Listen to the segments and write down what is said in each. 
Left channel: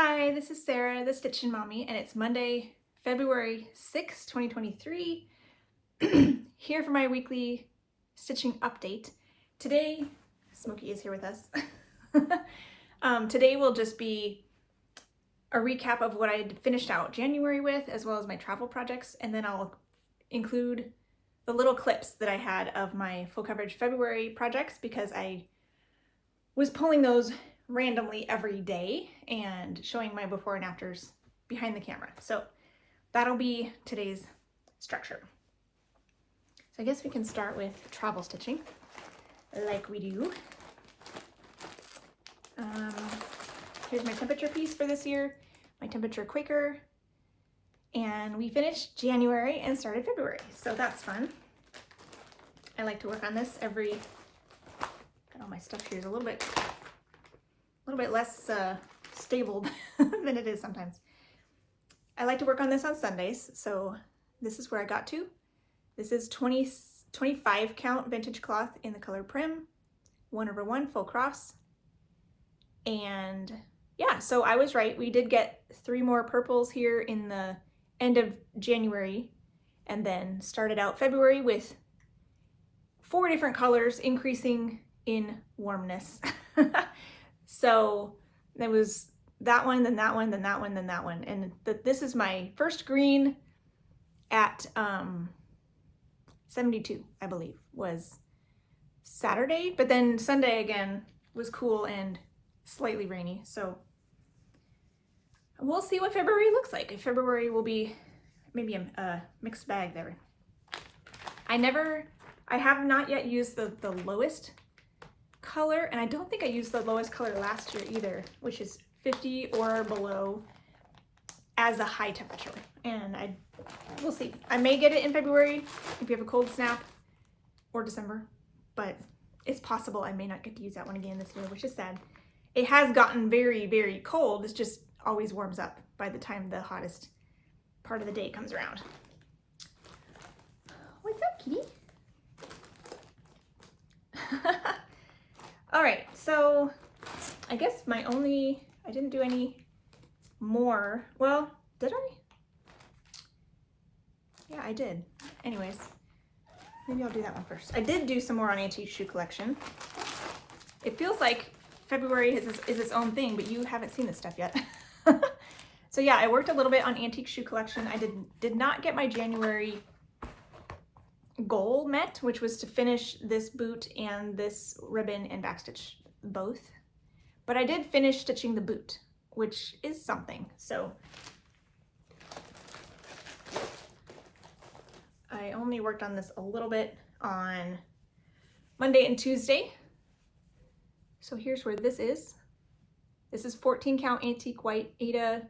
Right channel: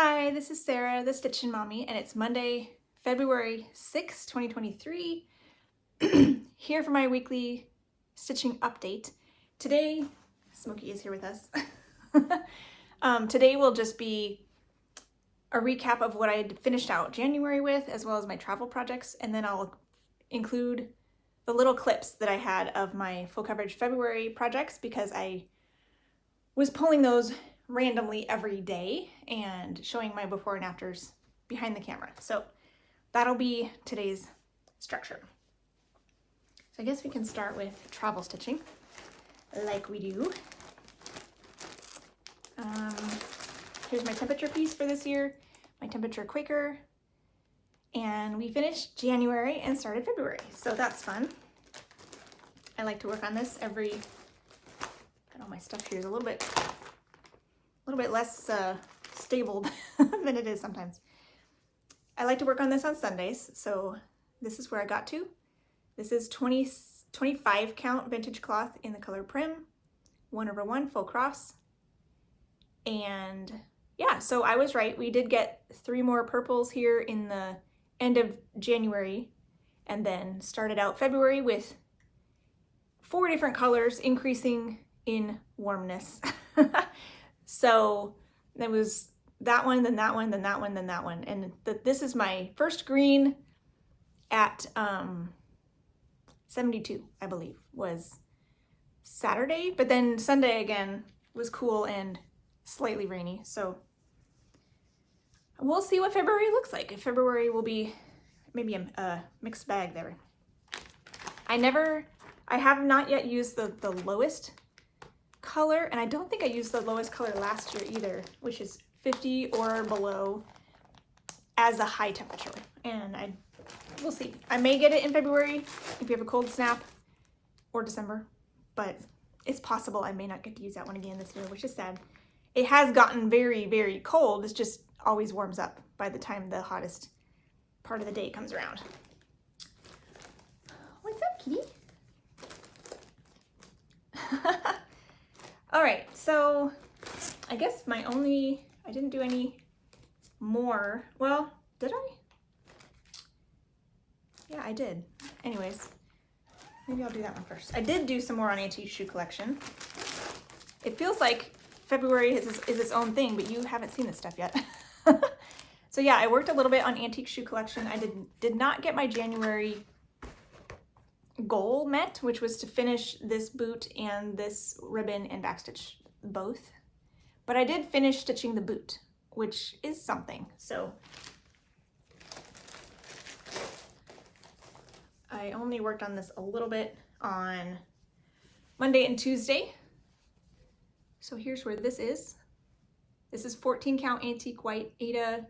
Hi, this is Sarah, the Stitchin Mommy, and it's Monday, February 6th, 2023. Here for my weekly stitching update. Today, Smokey is here with us. Today will just be a recap of what I finished out January with, as well as my travel projects, and then I'll include the little clips that I had of my full coverage February projects because I was pulling those randomly every day and showing my before and afters behind the camera. So that'll be today's structure. So I guess we can start with travel stitching like we do. Here's my temperature piece for this year, my temperature Quaker, and we finished January and started February, so that's fun. I like to work on this every, got all my stuff here is a little bit less stable than it is sometimes. I like to work on this on Sundays, so this is where I got to. This is 25 count vintage cloth in the color Prim, 1/1 full cross. And yeah, so I was right. We did get 3 more purples here in the end of January, and then started out February with 4 different colors, increasing in warmness. So there was that one, then that one, then that one, then that one. And this is my first green at 72, I believe, was Saturday. But then Sunday again was cool and slightly rainy. So we'll see what February looks like. If February will be maybe a mixed bag there. I have not yet used the lowest color, and I don't think I used the lowest color last year either, which is 50 or below as a high temperature. And we'll see. I may get it in February if we have a cold snap, or December, but it's possible I may not get to use that one again this year, which is sad. It has gotten very, very cold. It's just always warms up by the time the hottest part of the day comes around. What's up, kitty? All right, so I guess I didn't do any more. Well, did I? Yeah, I did. Anyways, maybe I'll do that one first. I did do some more on Antique Shoe Collection. It feels like February is its own thing, but you haven't seen this stuff yet. So yeah, I worked a little bit on Antique Shoe Collection. I did not get my January goal met, which was to finish this boot and this ribbon and backstitch both. But I did finish stitching the boot, which is something. So I only worked on this a little bit on Monday and Tuesday. So here's where this is. This is 14 count antique white Aida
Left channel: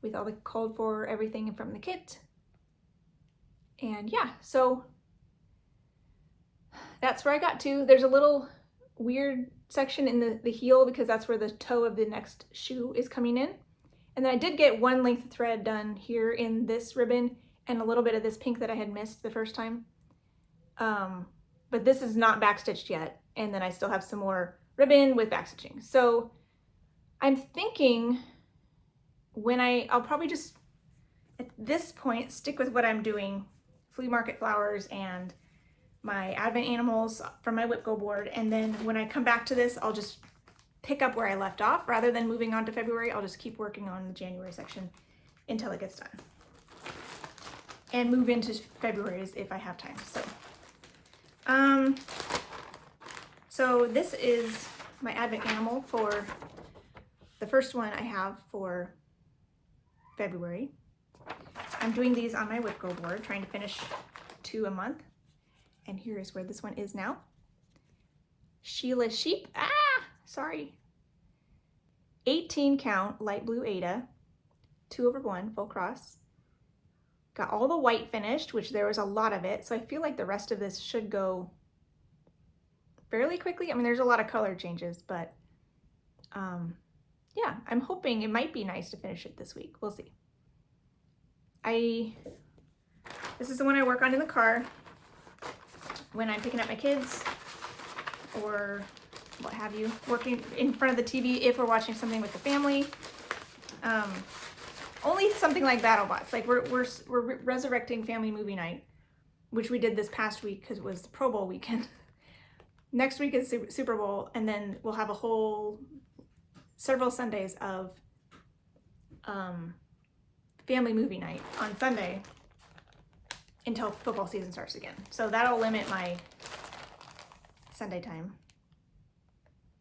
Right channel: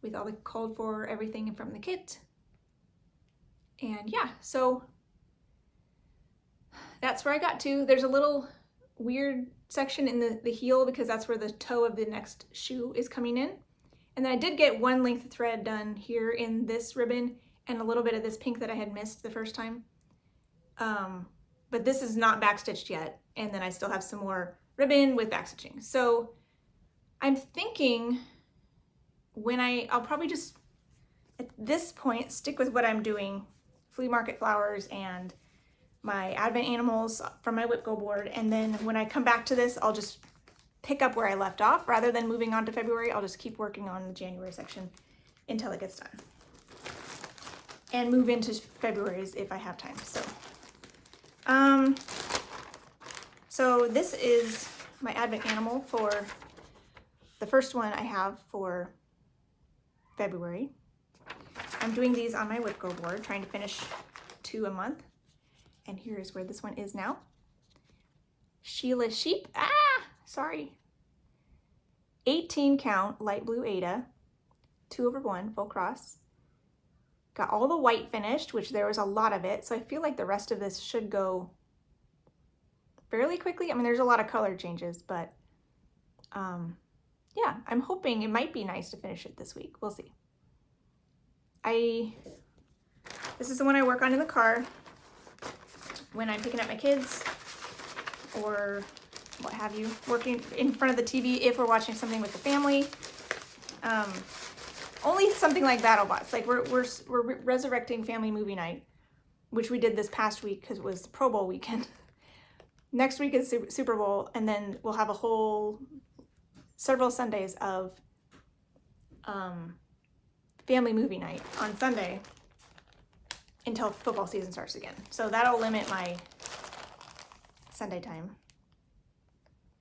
with all the called for everything from the kit. And yeah, so that's where I got to. There's a little weird section in the heel because that's where the toe of the next shoe is coming in. And then I did get one length of thread done here in this ribbon and a little bit of this pink that I had missed the first time. But this is not backstitched yet. And then I still have some more ribbon with backstitching. So I'm thinking I'll probably just, at this point, stick with what I'm doing, flea market flowers and my advent animals from my whip go board. And then when I come back to this, I'll just pick up where I left off. Rather than moving on to February, I'll just keep working on the January section until it gets done. And move into February's if I have time. So this is my advent animal for the first one I have for February. I'm doing these on my whip go board, trying to finish 2 a month. And here is where this one is now. Sheila Sheep, sorry. 18 count light blue Aida, 2/1 full cross. Got all the white finished, which there was a lot of it. So I feel like the rest of this should go fairly quickly. I mean, there's a lot of color changes, but yeah, I'm hoping it might be nice to finish it this week. We'll see. This is the one I work on in the car when I'm picking up my kids or what have you, working in front of the TV if we're watching something with the family. Only something like that'll bust. Like we're resurrecting family movie night, which we did this past week because it was Pro Bowl weekend. Next week is Super Bowl, and then we'll have a whole several Sundays of family movie night on Sunday until football season starts again. So that'll limit my Sunday time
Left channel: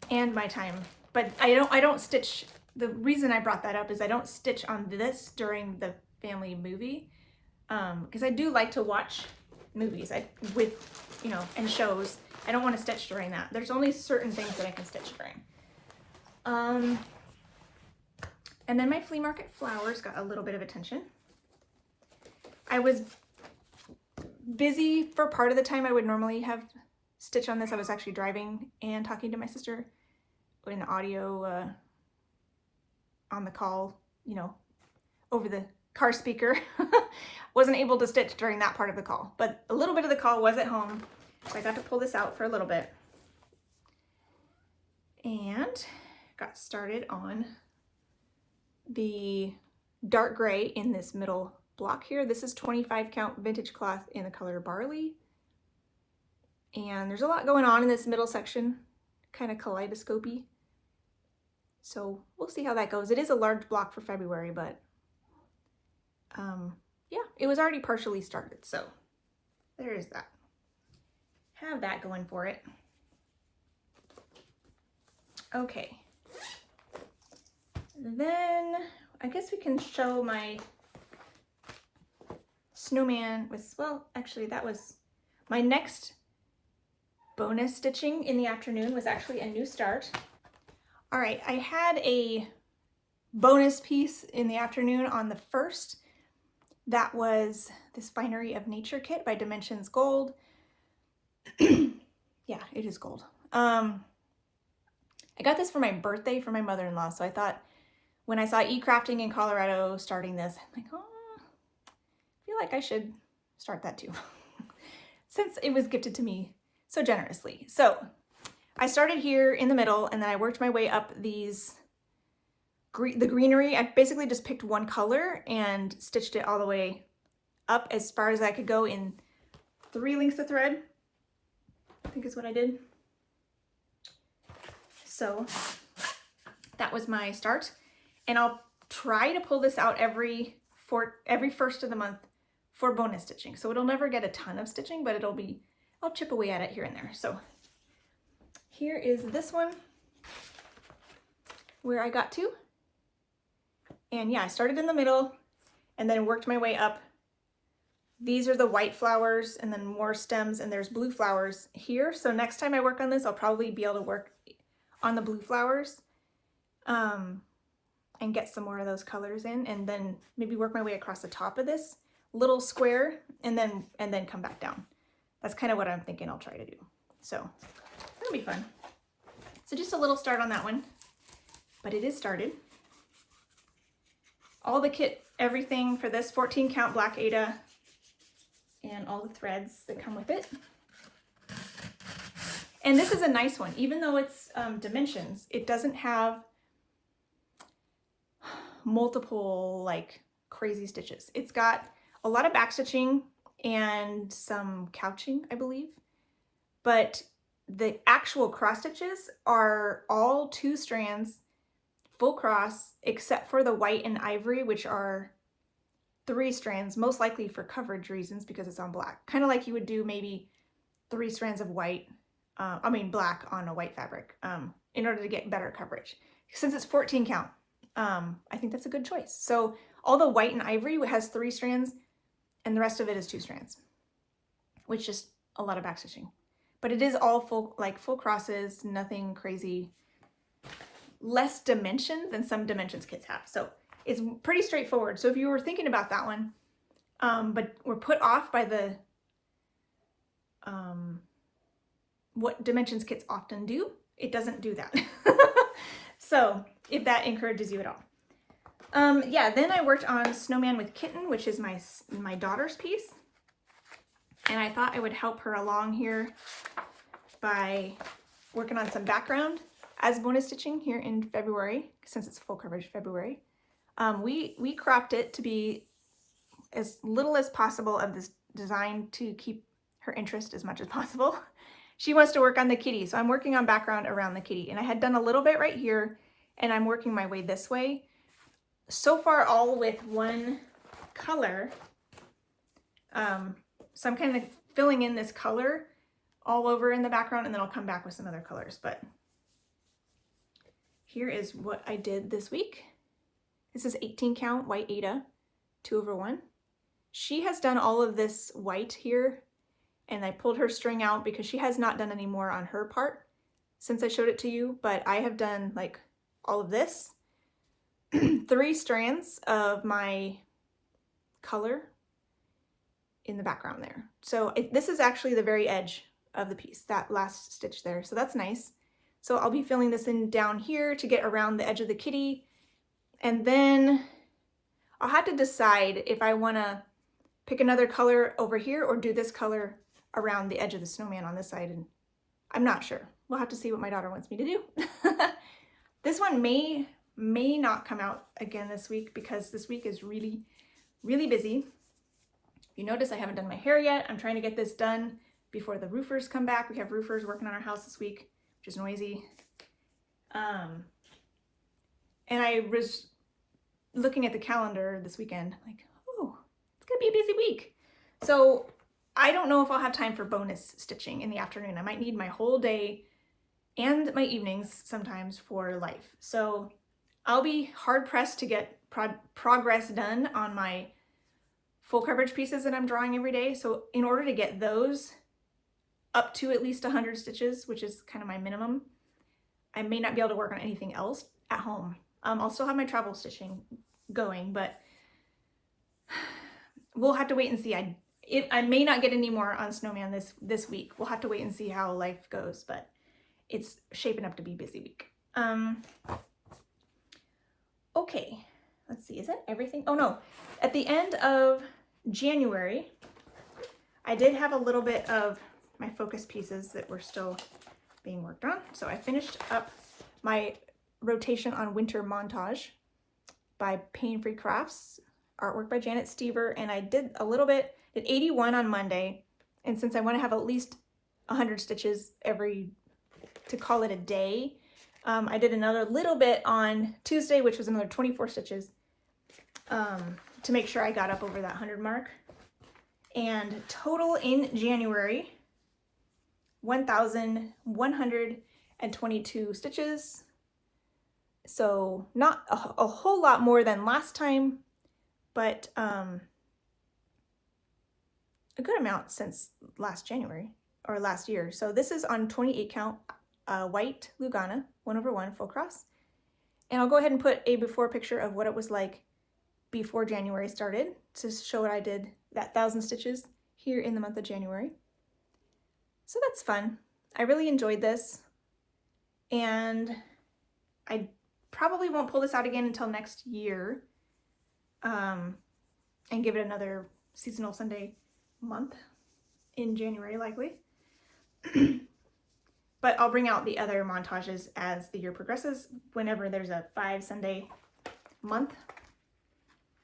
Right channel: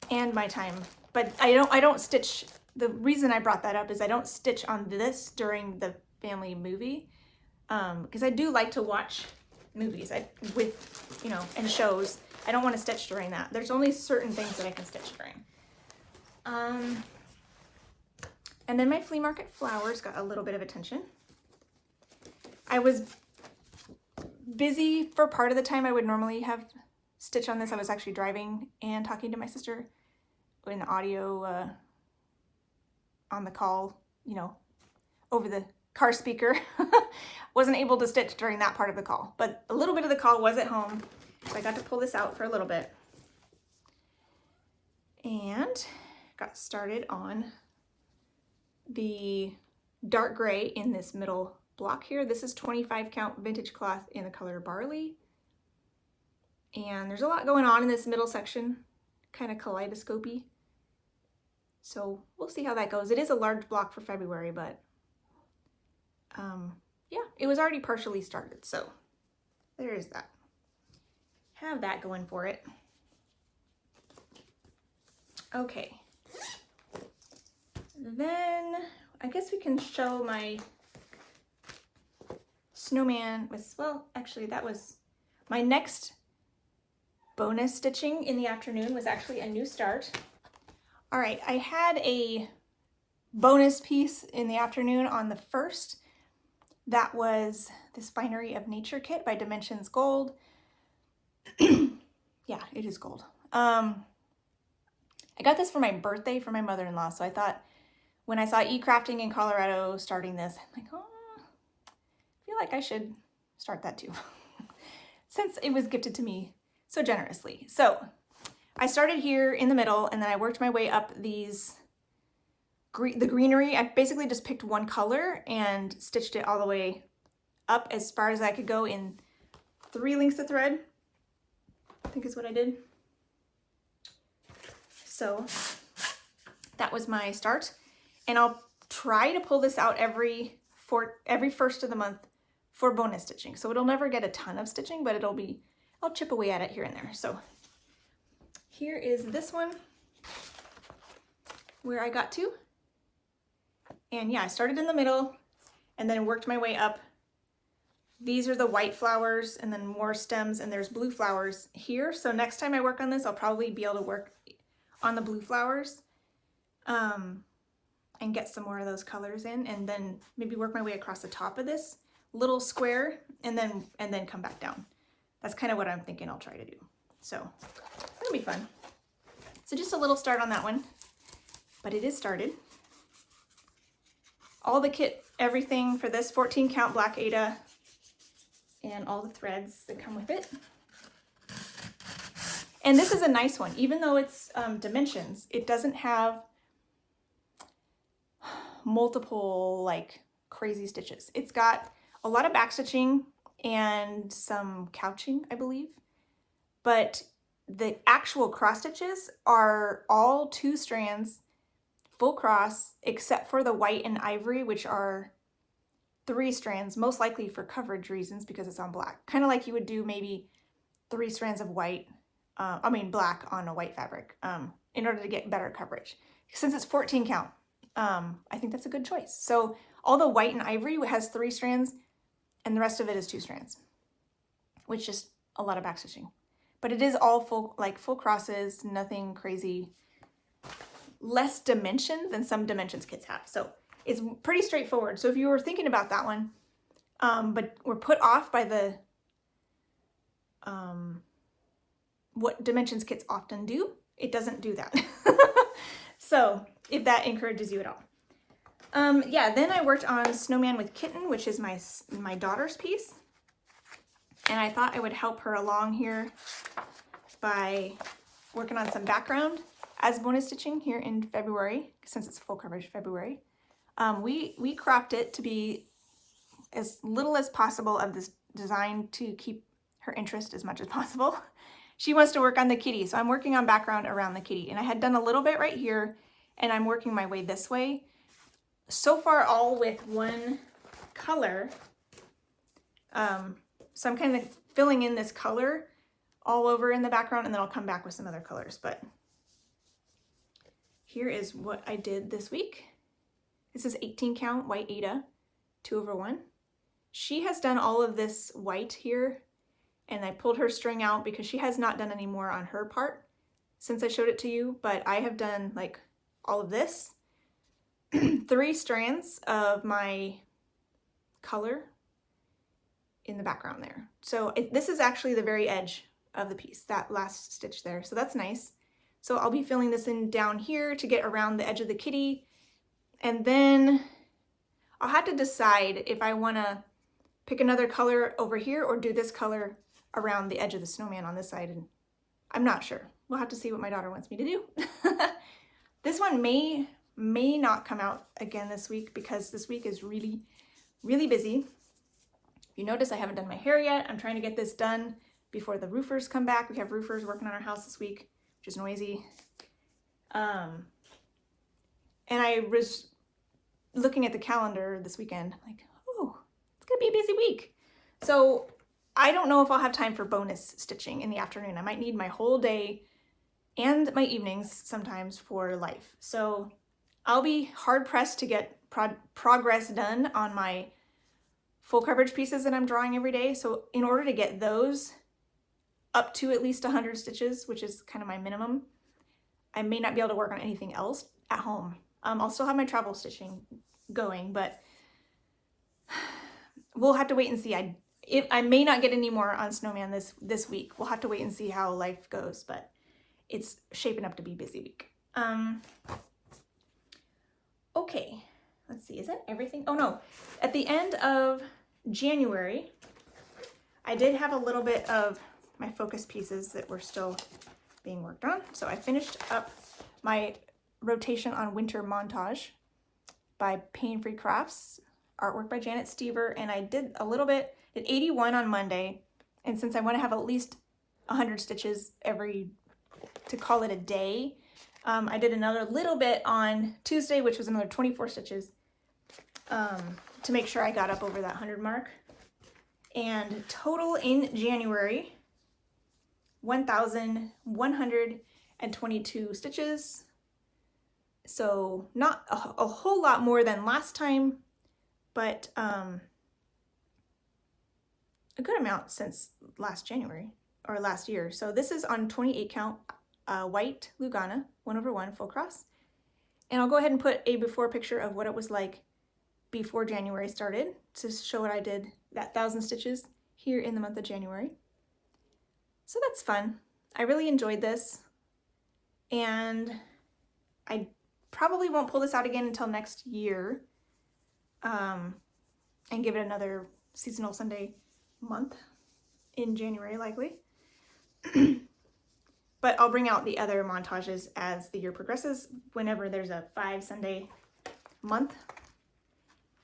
and my time. But I don't stitch. The reason I brought that up is I don't stitch on this during the family movie, because I do like to watch movies and shows. I don't want to stitch during that. There's only certain things that I can stitch during. And then my flea market flowers got a little bit of attention. I was busy for part of the time I would normally have stitch on this. I was actually driving and talking to my sister in audio on the call, over the car speaker. Wasn't able to stitch during that part of the call, but a little bit of the call was at home. So I got to pull this out for a little bit and got started on the dark gray in this middle block here. This is 25 count vintage cloth in the color Barley. And there's a lot going on in this middle section, kind of kaleidoscopy. So we'll see how that goes. It is a large block for February, but yeah, it was already partially started. So there is that. Have that going for it. Okay. Then I guess we can show my snowman with, well, actually that was my next bonus stitching in the afternoon was actually a new start. All right, I had a bonus piece in the afternoon on the 1st. That was this Finery of Nature kit by Dimensions Gold. Yeah, it is gold. I got this for my birthday for my mother-in-law, so I thought when I saw eCrafting in Colorado starting this, I'm like, oh, I feel like I should start that too, since it was gifted to me so generously. So I started here in the middle, and then I worked my way up the greenery. I basically just picked one color and stitched it all the way up as far as I could go in 3 lengths of thread, I think is what I did. So that was my start, and I'll try to pull this out every 1st of the month for bonus stitching. So it'll never get a ton of stitching, but I'll chip away at it here and there. So here is this one where I got to. And yeah, I started in the middle and then worked my way up. These are the white flowers and then more stems, and there's blue flowers here. So next time I work on this, I'll probably be able to work on the blue flowers and get some more of those colors in, and then maybe work my way across the top of this little square and then come back down. That's kind of what I'm thinking I'll try to do. So that'll be fun. So just a little start on that one, but it is started. All the kit, everything for this 14 count black Aida and all the threads that come with it. And this is a nice one. Even though it's dimensions, it doesn't have multiple like crazy stitches. It's got a lot of back stitching and some couching, I believe. But the actual cross stitches are all 2 strands, full cross, except for the white and ivory, which are 3 strands, most likely for coverage reasons because it's on black. Kind of like you would do maybe 3 strands of black on a white fabric in order to get better coverage. Since it's 14 count, I think that's a good choice. So all the white and ivory has 3 strands and the rest of it is 2 strands, which is a lot of back stitching. But it is all full crosses, nothing crazy, less dimension than some dimensions kits have. So it's pretty straightforward. So if you were thinking about that one, but were put off by the what dimensions kits often do, it doesn't do that. So if that encourages you at all. Yeah, then I worked on Snowman with Kitten, which is my daughter's piece. And I thought I would help her along here by working on some background as bonus stitching here in February, since it's full coverage February. We cropped it to be as little as possible of this design to keep her interest as much as possible. She wants to work on the kitty, so I'm working on background around the kitty. And I had done a little bit right here, and I'm working my way this way. So far, all with one color. So I'm kind of filling in this color all over in the background, and then I'll come back with some other colors. But here is what I did this week. This is 18 count white Aida, 2/1. She has done all of this white here, and I pulled her string out because she has not done any more on her part since I showed it to you, but I have done like all of this. 3 strands of my color in the background there. So this is actually the very edge of the piece, that last stitch there. So that's nice. So I'll be filling this in down here to get around the edge of the kitty. And then I'll have to decide if I want to pick another color over here or do this color around the edge of the snowman on this side. And I'm not sure. We'll have to see what my daughter wants me to do. This one may not come out again this week because this week is really, really busy. If you notice, I haven't done my hair yet. I'm trying to get this done before the roofers come back. We have roofers working on our house this week, which is noisy. And I was looking at the calendar this weekend, like, oh, it's gonna be a busy week. So I don't know if I'll have time for bonus stitching in the afternoon. I might need my whole day and my evenings sometimes for life. So I'll be hard pressed to get progress done on my full coverage pieces that I'm drawing every day. So in order to get those up to at least 100 stitches, which is kind of my minimum, I may not be able to work on anything else at home. I'll still have my travel stitching going, but we'll have to wait and see. I may not get any more on Snowman this week. We'll have to wait and see how life goes, but it's shaping up to be a busy week. Okay, let's see, is that everything? Oh no, at the end of January, I did have a little bit of my focus pieces that were still being worked on. So I finished up my rotation on Winter Montage by Pain Free Crafts, artwork by Janet Stever, and I did a little bit, did 81 on Monday, and since I want to have at least 100 stitches to call it a day, I did another little bit on Tuesday, which was another 24 stitches, to make sure I got up over that 100 mark. And total in January, 1,122 stitches. So not a whole lot more than last time, but a good amount since last January or last year. So this is on 28 count white Lugana 1/1 full cross. And I'll go ahead and put a before picture of what it was like before January started to show what I did, that 1,000 stitches here in the month of January. So that's fun. I really enjoyed this, and I probably won't pull this out again until next year, and give it another seasonal Sunday month in January likely. But I'll bring out the other montages as the year progresses whenever there's a 5 Sunday month.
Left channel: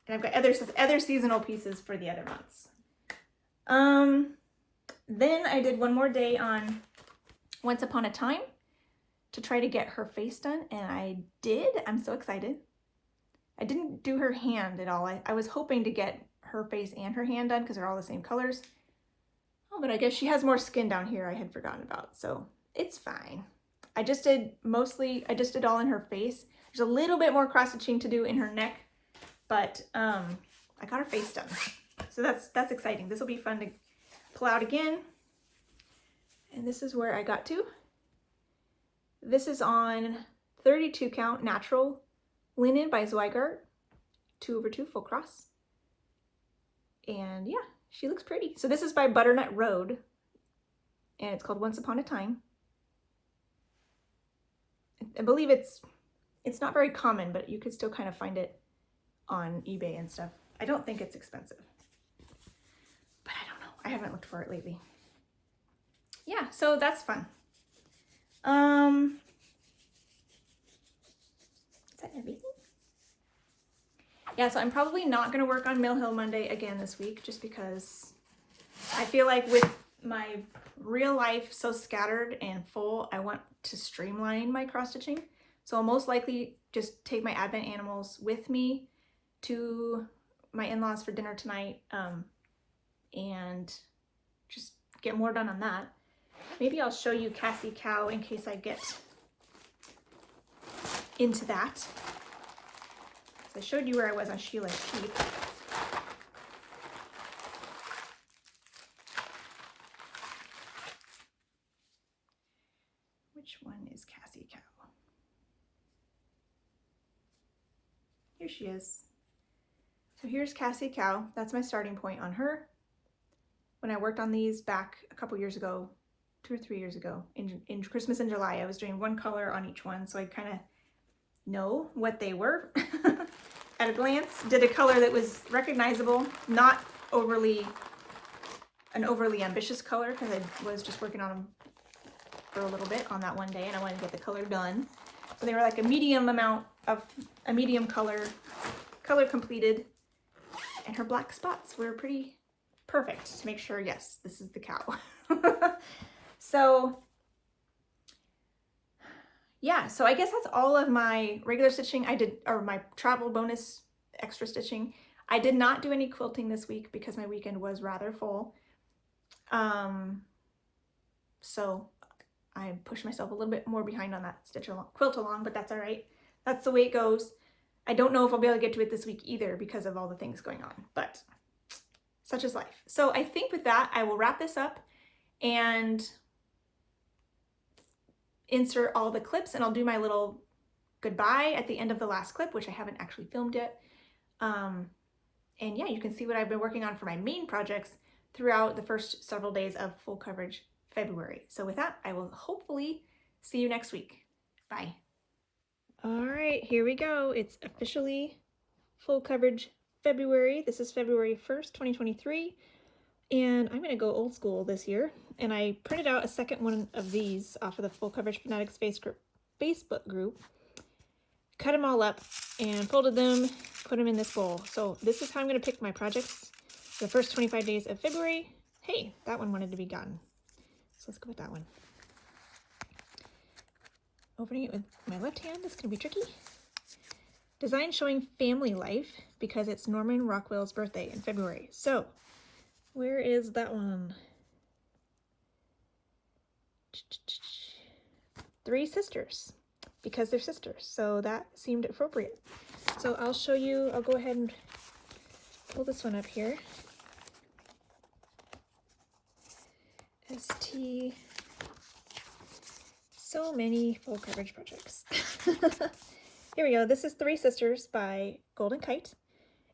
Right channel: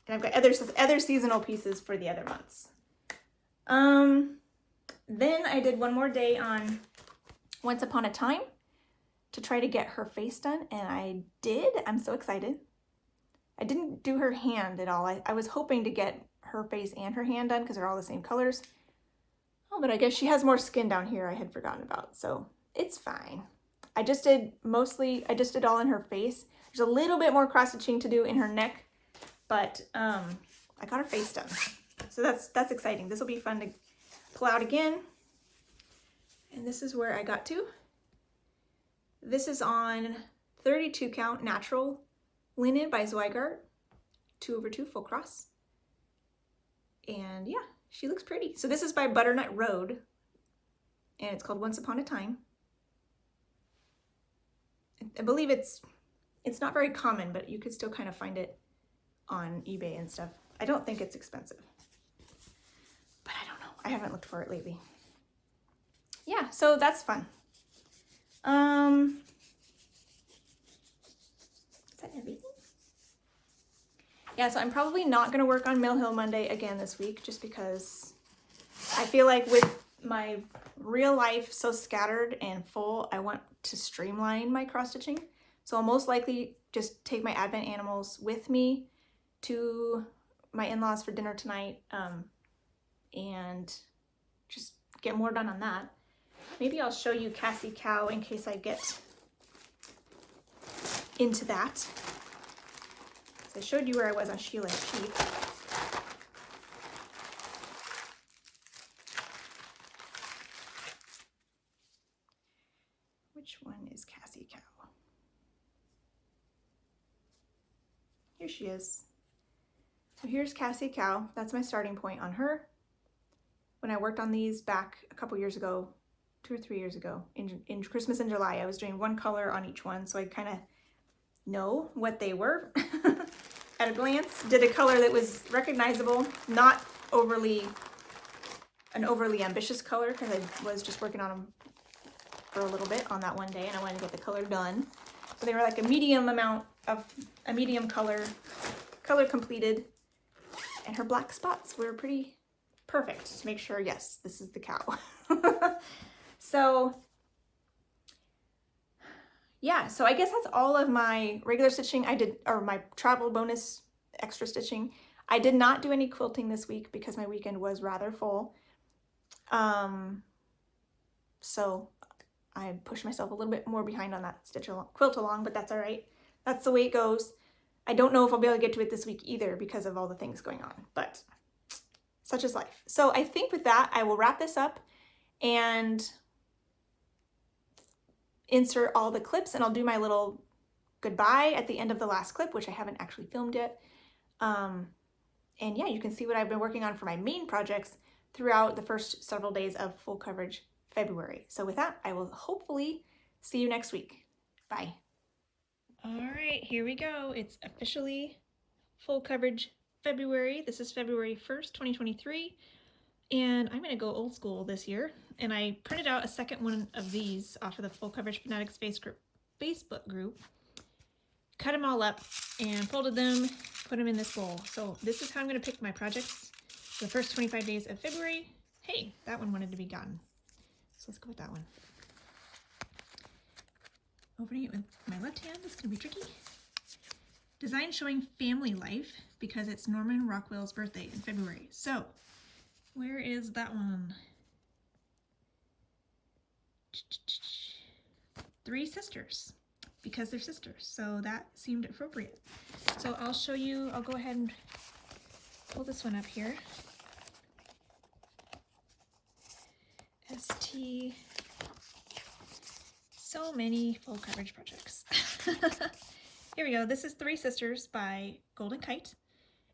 And I've got other seasonal pieces for the other months. Then I did one more day on Once Upon a Time to try to get her face done, and I did. I'm so excited. I didn't do her hand at all. I was hoping to get her face and her hand done because they're all the same colors. Oh, but I guess she has more skin down here I had forgotten about, so it's fine. I just did all in her face. There's a little bit more cross stitching to do in her neck, but I got her face done. So that's exciting. This will be fun to pull out again. And this is where I got to. This is on 32 count natural linen by Zweigart, 2/2 full cross. And yeah, she looks pretty. So this is by Butternut Road, and it's called Once Upon a Time. I believe it's not very common, but you could still kind of find it on eBay and stuff. I don't think it's expensive, but I don't know. I haven't looked for it lately. Yeah, so that's fun. Is that everything? Yeah, so I'm probably not going to work on Mill Hill Monday again this week, just because I feel like with my real life so scattered and full, I want to streamline my cross stitching. So I'll most likely just take my Advent animals with me to my in-laws for dinner tonight, and just get more done on that. Maybe I'll show you Cassie Cow in case I get into that. So I showed you where I was on Sheila and Keith. Which one is Cassie Cow? Here she is. So here's Cassie Cow. That's my starting point on her. When I worked on these back a couple years ago, 2 or 3 years ago, in Christmas in July, I was doing one color on each one, so I kind of know what they were at a glance. Did a color that was recognizable, not an overly ambitious color, because I was just working on them for a little bit on that one day and I wanted to get the color done. So they were like a medium color completed, and her black spots were pretty perfect to make sure, yes, this is the cow. So yeah, so I guess that's all of my regular stitching I did, or my travel bonus extra stitching. I did not do any quilting this week because my weekend was rather full. So I pushed myself a little bit more behind on that quilt along, but that's all right. That's the way it goes. I don't know if I'll be able to get to it this week either because of all the things going on, but such is life. So I think with that, I will wrap this up and insert all the clips, and I'll do my little goodbye at the end of the last clip, which I haven't actually filmed yet. And yeah, you can see what I've been working on for my main projects throughout the first several days of full coverage February. So with that, I will hopefully see you next week. Bye. All right, here we go. It's officially full coverage February. This is February 1st, 2023. And I'm going to go old school this year. And I printed out a second one of these off of the Full Coverage Fanatics Facebook group. Cut them all up and folded them, put them in this bowl. So this is how I'm going to pick my projects for the first 25 days of February. Hey, that one wanted to be gotten. So let's go with that one. Opening it with my left hand, this is going to be tricky. Design showing family life because it's Norman Rockwell's birthday in February. So where is that one? 3 sisters, because they're sisters. So that seemed appropriate. So I'll show you, I'll go ahead and pull this one up here. ST, so many full coverage projects. Here we go. This is 3 Sisters by Golden Kite.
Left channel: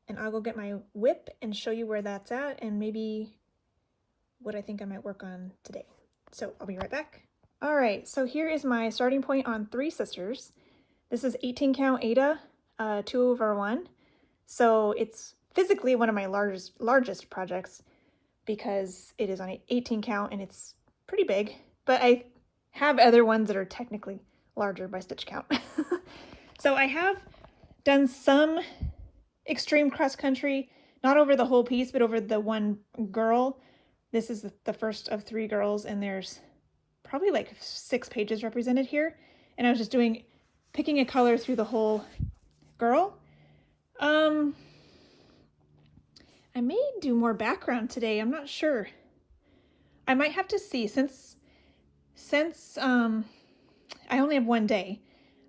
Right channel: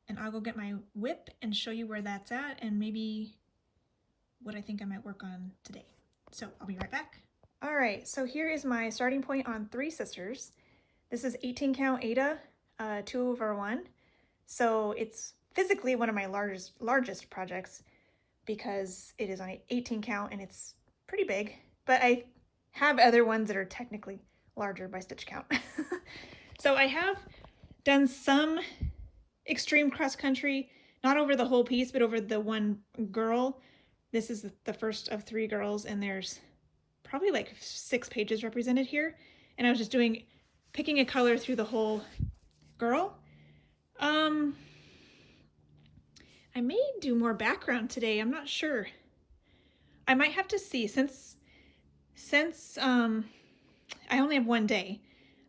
And I'll go get my whip and show you where that's at and maybe what I think I might work on today. So I'll be right back. All right, so here is my starting point on 3 Sisters. This is 18 count Ada, 2/1. So it's physically one of my largest projects because it is on 18 count and it's pretty big, but I have other ones that are technically larger by stitch count. So I have done some extreme cross country, not over the whole piece, but over the one girl. This is the first of 3 girls, and there's probably like 6 pages represented here. And I was just picking a color through the whole girl. I may do more background today. I'm not sure. I might have to see, since I only have one day,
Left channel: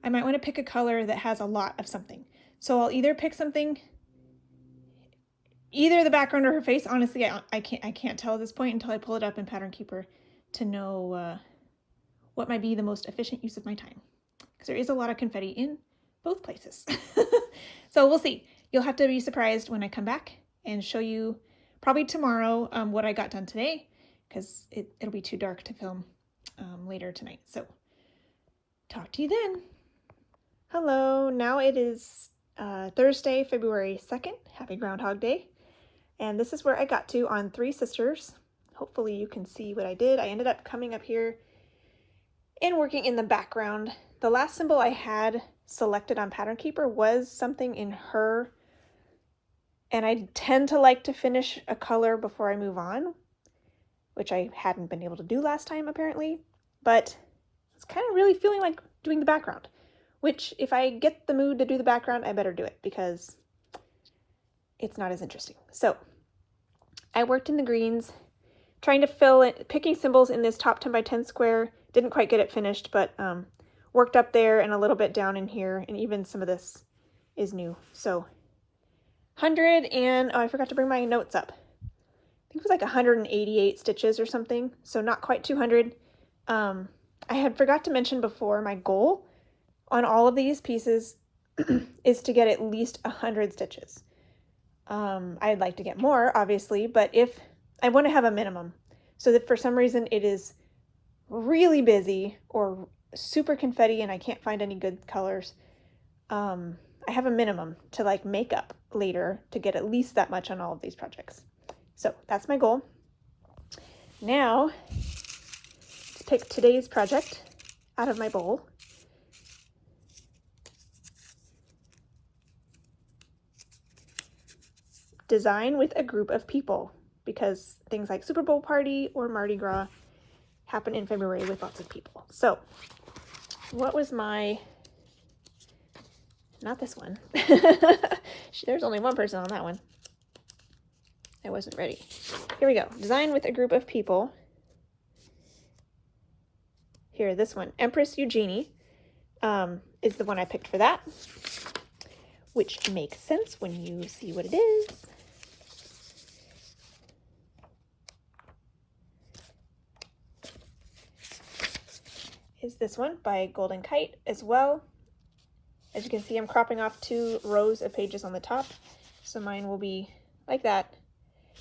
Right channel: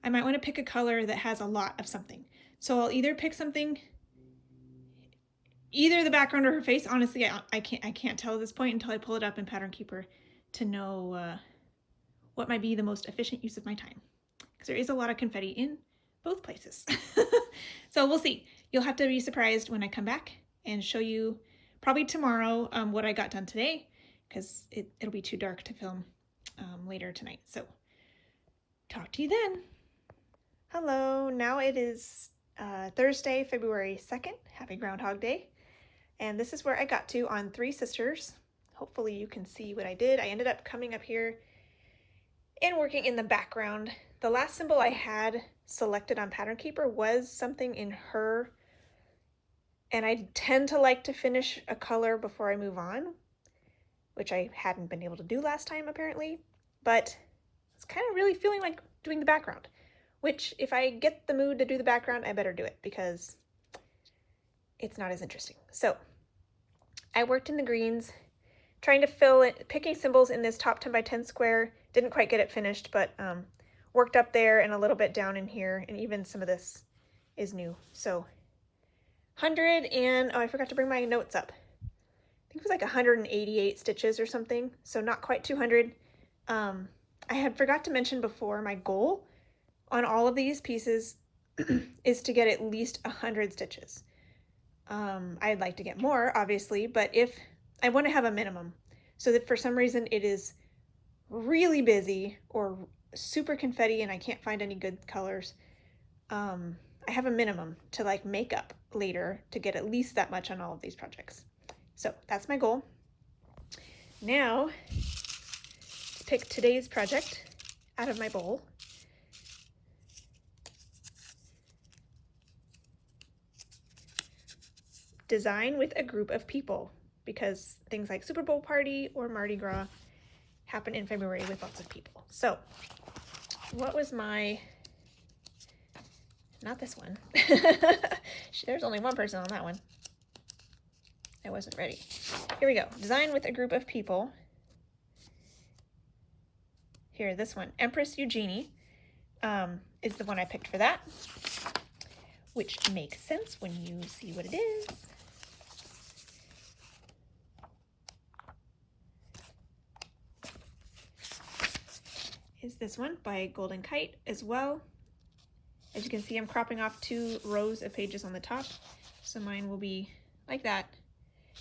I might want to pick a color that has a lot of something. So I'll either pick something, either the background or her face. Honestly, I can't tell at this point until I pull it up in Pattern Keeper to know what might be the most efficient use of my time, because there is a lot of confetti in both places. So we'll see. You'll have to be surprised when I come back and show you probably tomorrow what I got done today, because it'll be too dark to film later tonight. So talk to you then. Hello, now it is Thursday, February 2nd. Happy Groundhog Day. And this is where I got to on 3 Sisters. Hopefully you can see what I did. I ended up coming up here and working in the background. The last symbol I had selected on Pattern Keeper was something in her And I tend to like to finish a color before I move on, which I hadn't been able to do last time apparently, but it's kind of really feeling like doing the background, which if I get the mood to do the background, I better do it because it's not as interesting. So I worked in the greens, trying to fill it, picking symbols in this top 10 by 10 square. Didn't quite get it finished, but worked up there and a little bit down in here, and even some of this is new. So 100 and, oh, I forgot to bring my notes up. I think it was like 188 stitches or something, so not quite 200. I had forgot to mention before, my goal on all of these pieces is to get at least 100 stitches. I'd like to get more, obviously, but if I want to have a minimum, so that for some reason it is really busy or super confetti and I can't find any good colors, I have a minimum to like make up later to get at least that much on all of these projects. So that's my goal. Now let's pick today's project out of my bowl. Design with a group of people, because things like Super Bowl party or Mardi Gras happen in February with lots of people. So what was my, not this one. There's only one person on that one. I wasn't ready. Here we go. Design with a group of people. Here, this one, Empress Eugenie, is the one I picked for that, which makes sense when you see what it is. Is this one by Golden Kite as well. As you can see, I'm cropping off 2 rows of pages on the top, so mine will be like that.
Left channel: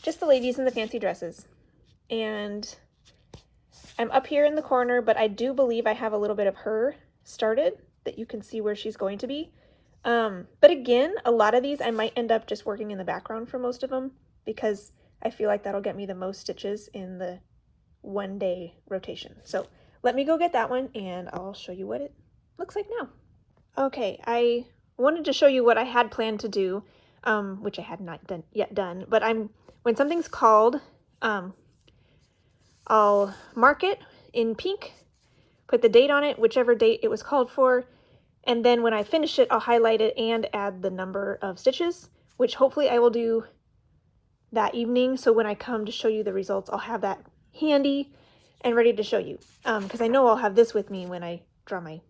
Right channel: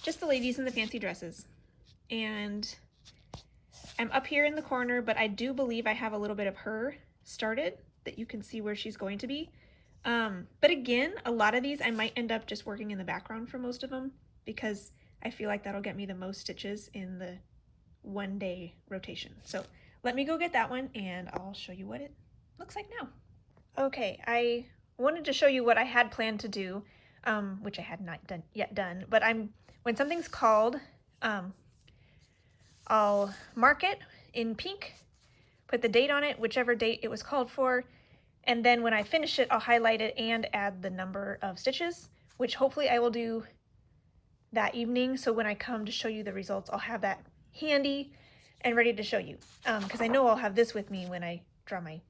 Just the ladies in the fancy dresses. And I'm up here in the corner, but I do believe I have a little bit of her started that you can see where she's going to be. But again, a lot of these I might end up just working in the background for most of them because I feel like that'll get me the most stitches in the 1-day rotation. So let me go get that one and I'll show you what it looks like now. Okay, I wanted to show you what I had planned to do, which I had not yet done, but when something's called, I'll mark it in pink, put the date on it, whichever date it was called for, and then when I finish it, I'll highlight it and add the number of stitches, which hopefully I will do that evening. So when I come to show you the results, I'll have that handy and ready to show you, because I know I'll have this with me when I draw my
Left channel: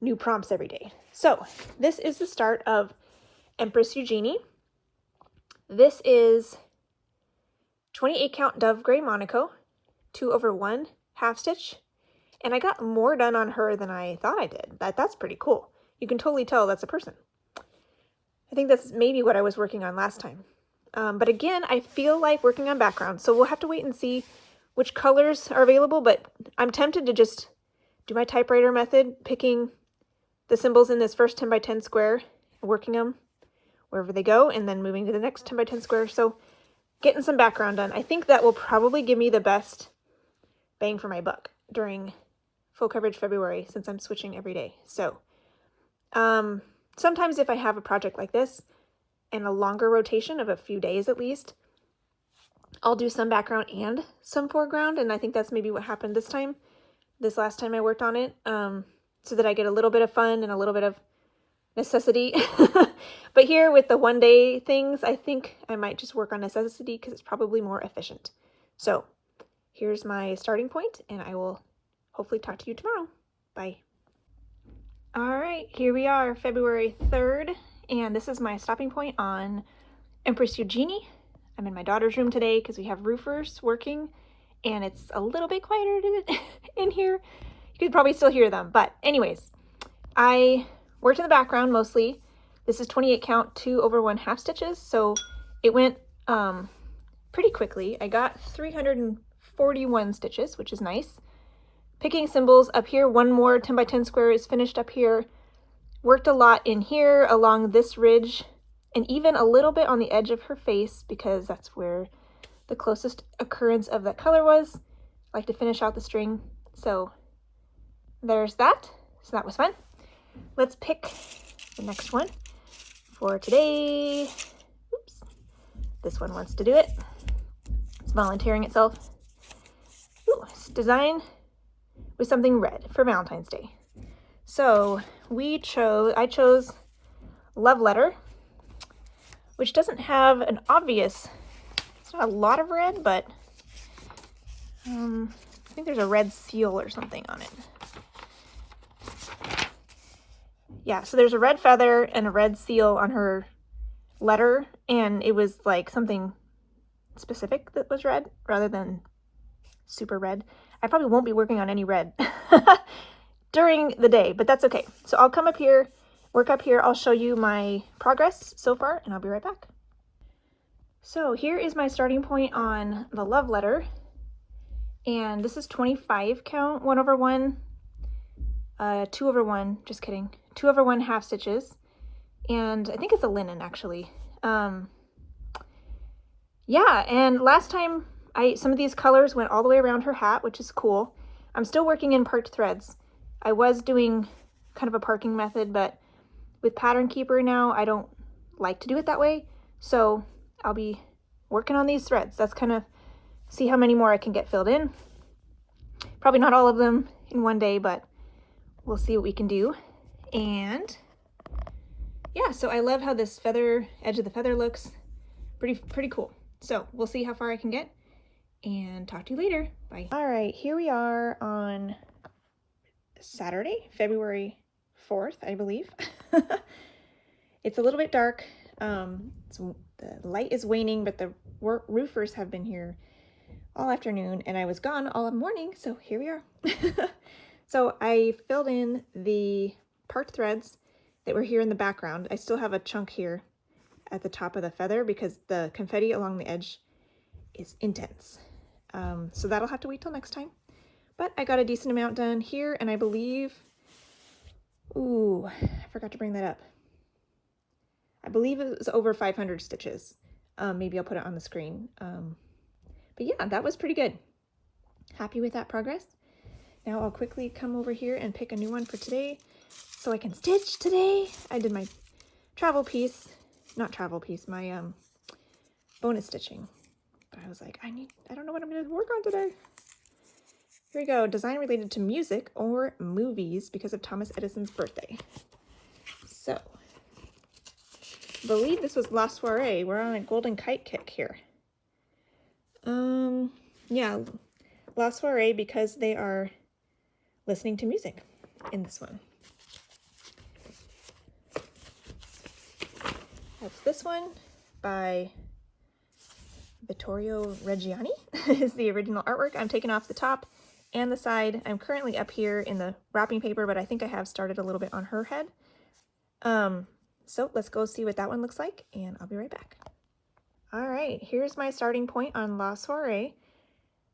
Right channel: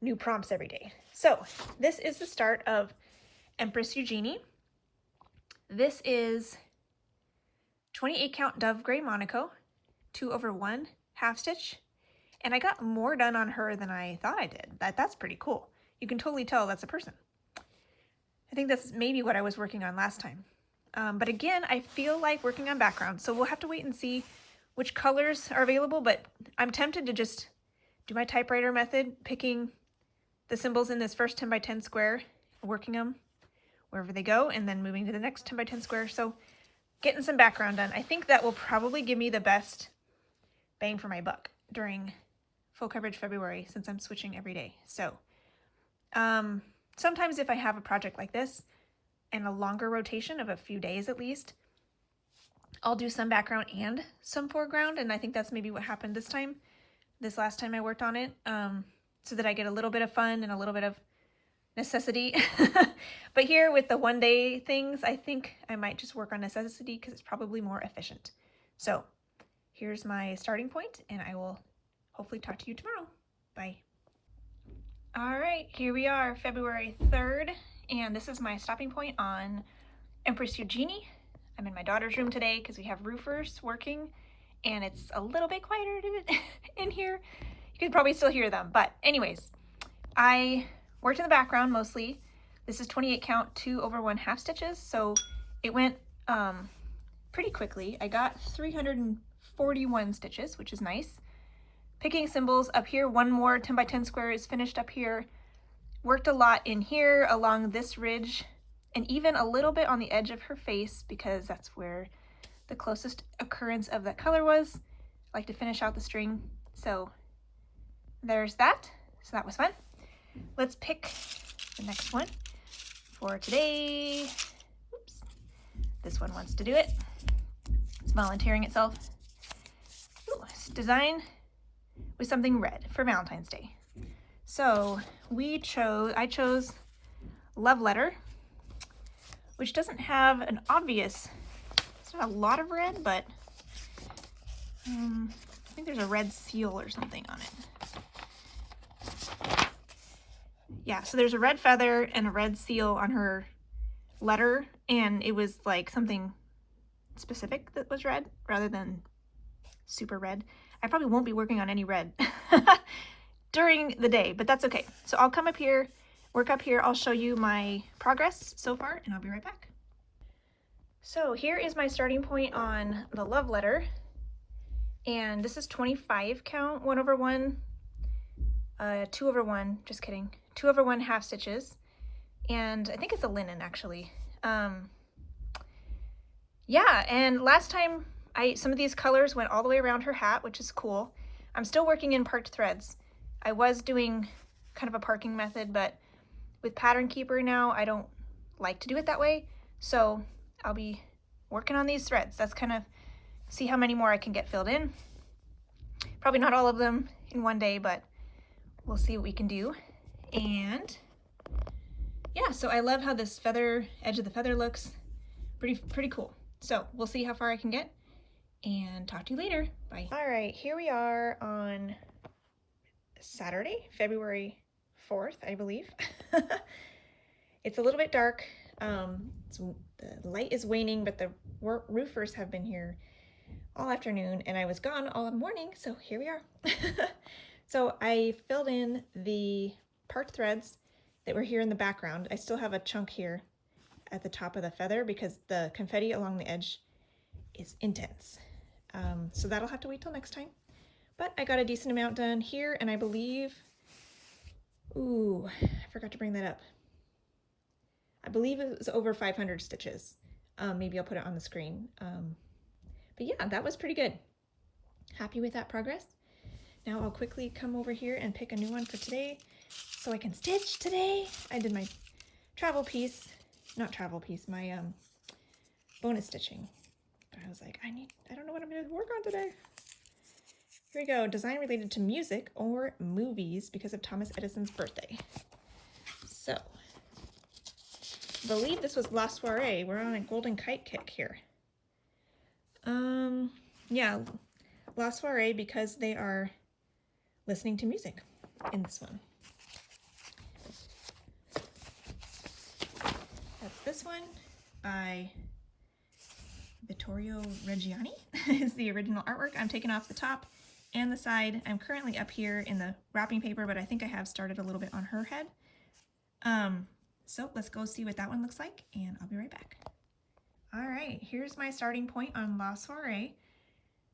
new prompts every day. So this is the start of Empress Eugenie. This is 28 count Dove Gray Monaco, 2/1 half stitch, and I got more done on her than I thought I did. That's pretty cool. You can totally tell that's a person. I think that's maybe what I was working on last time. But again, I feel like working on background, so we'll have to wait and see which colors are available, but I'm tempted to just do my typewriter method, picking the symbols in this first 10 by 10 square, working them wherever they go, and then moving to the next 10 by 10 square. So getting some background done. I think that will probably give me the best bang for my buck during full coverage February, since I'm switching every day. So sometimes if I have a project like this and a longer rotation of a few days at least, I'll do some background and some foreground, and I think that's maybe what happened this last time I worked on it, so that I get a little bit of fun and a little bit of necessity. But here with the 1-day things, I think I might just work on necessity because it's probably more efficient. So here's my starting point, and I will hopefully talk to you tomorrow. Bye. All right, here we are, February 3rd, and this is my stopping point on Empress Eugenie. I'm in my daughter's room today because we have roofers working, and it's a little bit quieter in here. You can probably still hear them, but anyways, I worked in the background mostly. This is 28 count 2/1 half stitches, so it went pretty quickly. I got 341 stitches, which is nice. Picking symbols up here, one more 10 by 10 square is finished up here. Worked a lot in here along this ridge, and even a little bit on the edge of her face because that's where the closest occurrence of that color was. I like to finish out the string, so there's that. So that was fun. Let's pick the next one for today. this one wants to do it. It's volunteering itself. Ooh, it's designed with something red for Valentine's Day. So I chose Love Letter, which doesn't have an obvious, it's not a lot of red, but I think there's a red seal or something on it. Yeah, so there's a red feather and a red seal on her letter, and it was like something specific that was red rather than super red. I probably won't be working on any red during the day, but that's okay. So I'll come up here, work up here, I'll show you my progress so far, and I'll be right back. So here is my starting point on the Love Letter, and this is 25 count, 1/1, 2/1, just kidding, 2/1 half stitches, and I think it's a linen actually. Yeah, and last time some of these colors went all the way around her hat, which is cool. I'm still working in parked threads. I was doing kind of a parking method, but with Pattern Keeper now, I don't like to do it that way. So I'll be working on these threads. That's kind of see how many more I can get filled in. Probably not all of them in one day, but we'll see what we can do. And yeah, so I love how this feather, edge of the feather looks pretty cool. So we'll see how far I can get and talk to you later. Bye. All right, here we are on Saturday, February 4th, I believe. It's a little bit dark. The light is waning, but the roofers have been here all afternoon and I was gone all morning, so here we are. So I filled in the parked threads that were here in the background. I still have a chunk here at the top of the feather because the confetti along the edge is intense. So that'll have to wait till next time. But I got a decent amount done here, and I believe, ooh, I forgot to bring that up. I believe it was over 500 stitches. Maybe I'll put it on the screen. But yeah, that was pretty good. Happy with that progress. Now I'll quickly come over here and pick a new one for today so I can stitch today. I did my travel piece, not travel piece, my bonus stitching. But I was like, I don't know what I'm going to work on today. Here we go, design related to music or movies because of Thomas Edison's birthday. So, I believe this was La Soiree. We're on a golden kite kick here. Yeah, La Soiree because they are listening to music in this one. That's this one by Vittorio Reggiani is the original artwork. I'm taking off the top and the side. I'm currently up here in the wrapping paper, but I think I have started a little bit on her head. So let's go see what that one looks like, and I'll be right back. All right, here's my starting point on La Soiree.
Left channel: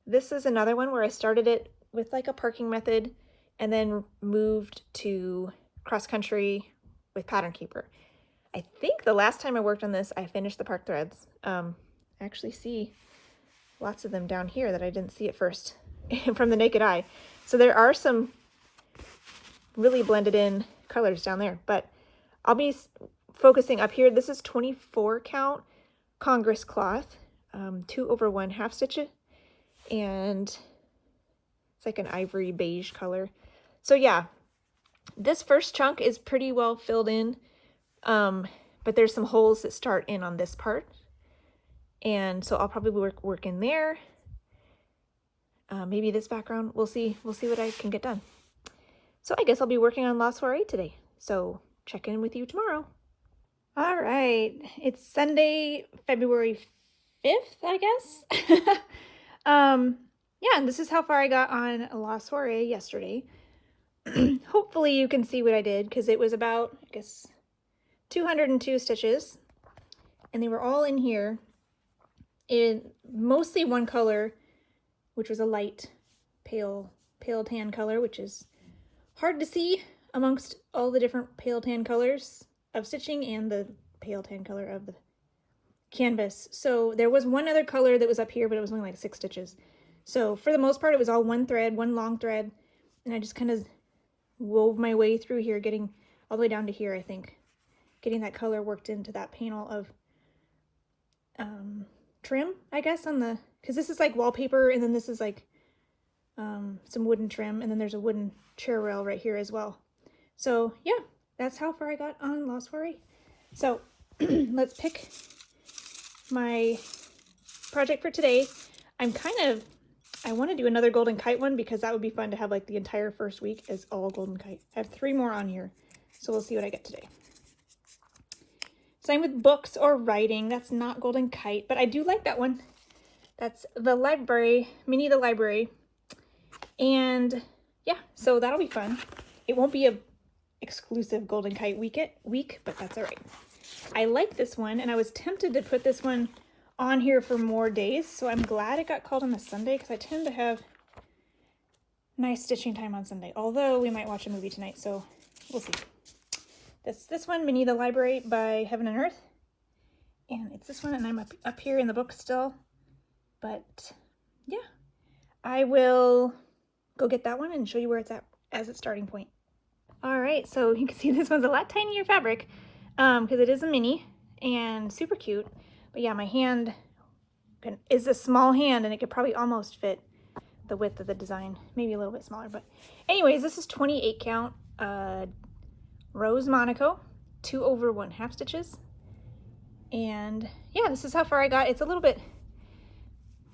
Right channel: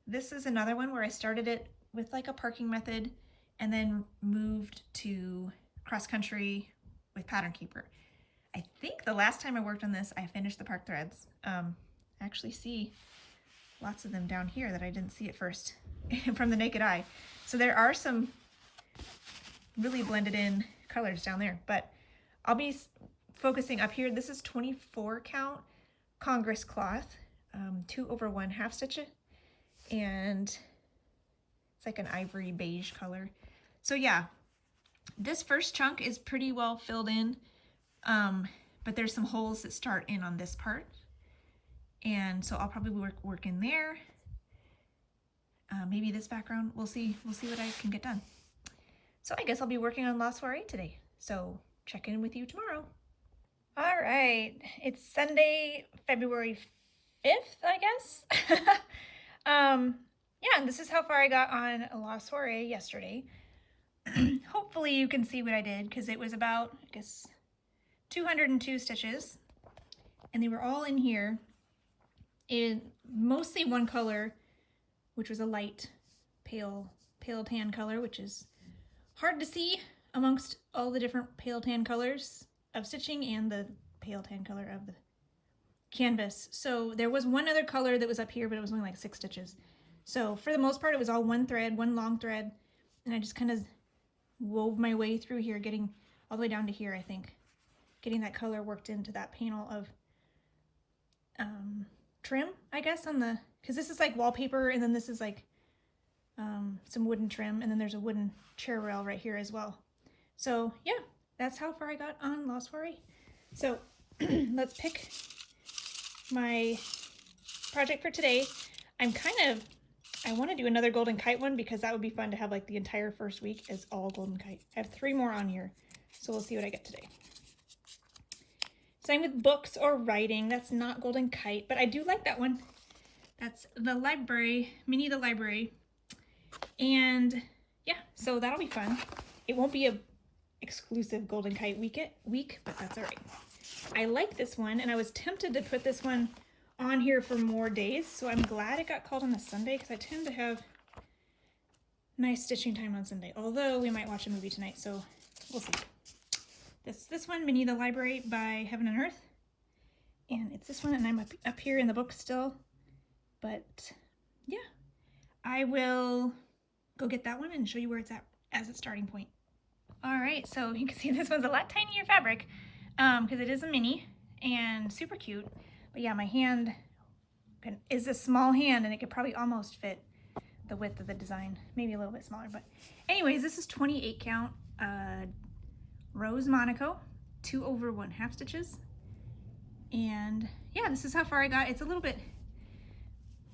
This is another one where I started it with like a parking method and then moved to cross country with Pattern Keeper. I think the last time I worked on this, I finished the park threads. I actually see lots of them down here that I didn't see at first from the naked eye. So there are some really blended in colors down there, but I'll be focusing up here. This is 24 count Congress cloth, 2/1 half stitch it, and it's like an ivory beige color. So yeah, this first chunk is pretty well filled in, but there's some holes that start in on this part, and so I'll probably work in there. Maybe this background. We'll see what I can get done. So I guess I'll be working on La Soiree today. So check in with you tomorrow. All right, it's Sunday, February 5th, I guess. Yeah, and this is how far I got on La Soiree yesterday. Hopefully you can see what I did, because it was about, I guess, 202 stitches, and they were all in here in mostly one color, which was a light pale tan color, which is hard to see amongst all the different pale tan colors of stitching and the pale tan color of the canvas. So there was one other color that was up here, but it was only like 6 stitches. So for the most part, it was all one thread, one long thread, and I just kind of wove my way through here, getting all the way down to here, I think, getting that color worked into that panel of trim, I guess, on the, because this is like wallpaper, and then this is like some wooden trim, and then there's a wooden chair rail right here as well. So yeah, that's how far I got on Lost Foray. So let's pick my project for today. I want to do another golden kite one because that would be fun to have like the entire first week as all golden kite. I have 3 more on here, so we'll see what I get today. Same with books or writing. That's not golden kite, but I do like that one. That's the library, Minnie the Library. And yeah, so that'll be fun. It won't be a exclusive golden kite week, but that's all right. I like this one, and I was tempted to put this one on here for more days, so I'm glad it got called on a Sunday because I tend to have nice stitching time on Sunday, although we might watch a movie tonight, so we'll see. That's this one, Minnie the Library by Heaven and Earth, and it's this one, and I'm up here in the book still, but yeah, I will go get that one and show you where it's at as its starting point. All right, so you can see this one's a lot tinier fabric because it is a mini and super cute. But yeah, my hand is a small hand, and it could probably almost fit the width of the design, maybe a little bit smaller. But anyways, this is 28 count Rose Monaco, 2/1 half stitches. And yeah, this is how far I got. It's a little bit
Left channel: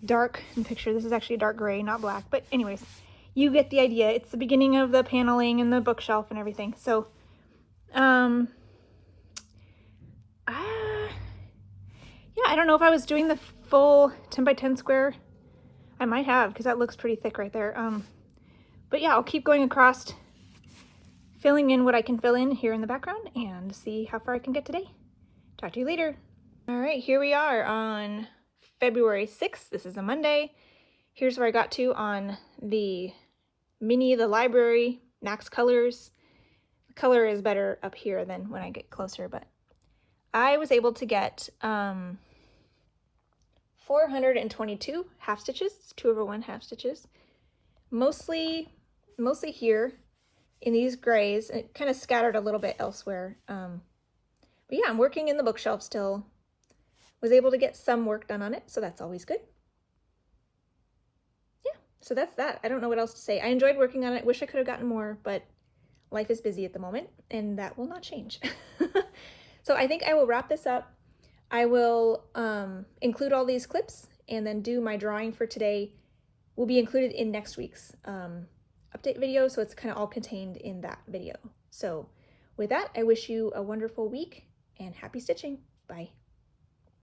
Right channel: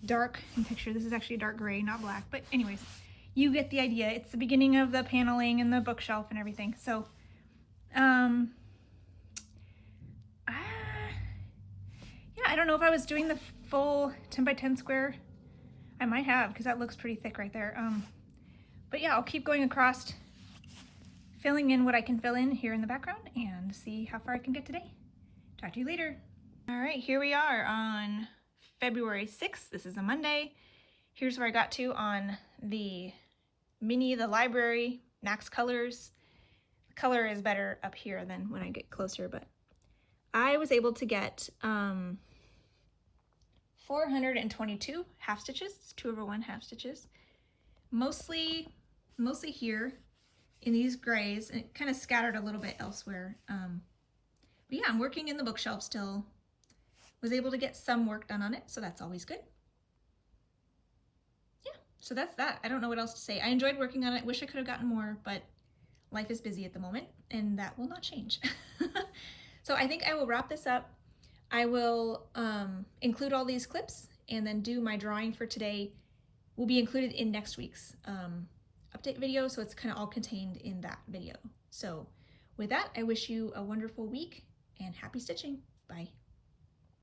dark in picture. This is actually a dark gray, not black. But anyways, you get the idea. It's the beginning of the paneling and the bookshelf and everything. So, yeah, I don't know if I was doing the full 10 by 10 square. I might have, because that looks pretty thick right there. But yeah, I'll keep going across, filling in what I can fill in here in the background and see how far I can get today. Talk to you later. All right, here we are on February 6th. This is a Monday. Here's where I got to on the Minnie the Library Max Colors. The color is better up here than when I get closer, but I was able to get 422 half stitches, 2/1 half stitches, mostly here in these grays. It kind of scattered a little bit elsewhere. But yeah, I'm working in the bookshelf still. Was able to get some work done on it, so that's always good. Yeah, so that's that. I don't know what else to say. I enjoyed working on it. Wish I could have gotten more, but life is busy at the moment, and that will not change. So I think I will wrap this up. I will include all these clips and then do my drawing for today. Will be included in next week's update video, so it's kind of all contained in that video. So with that, I wish you a wonderful week and happy stitching. Bye.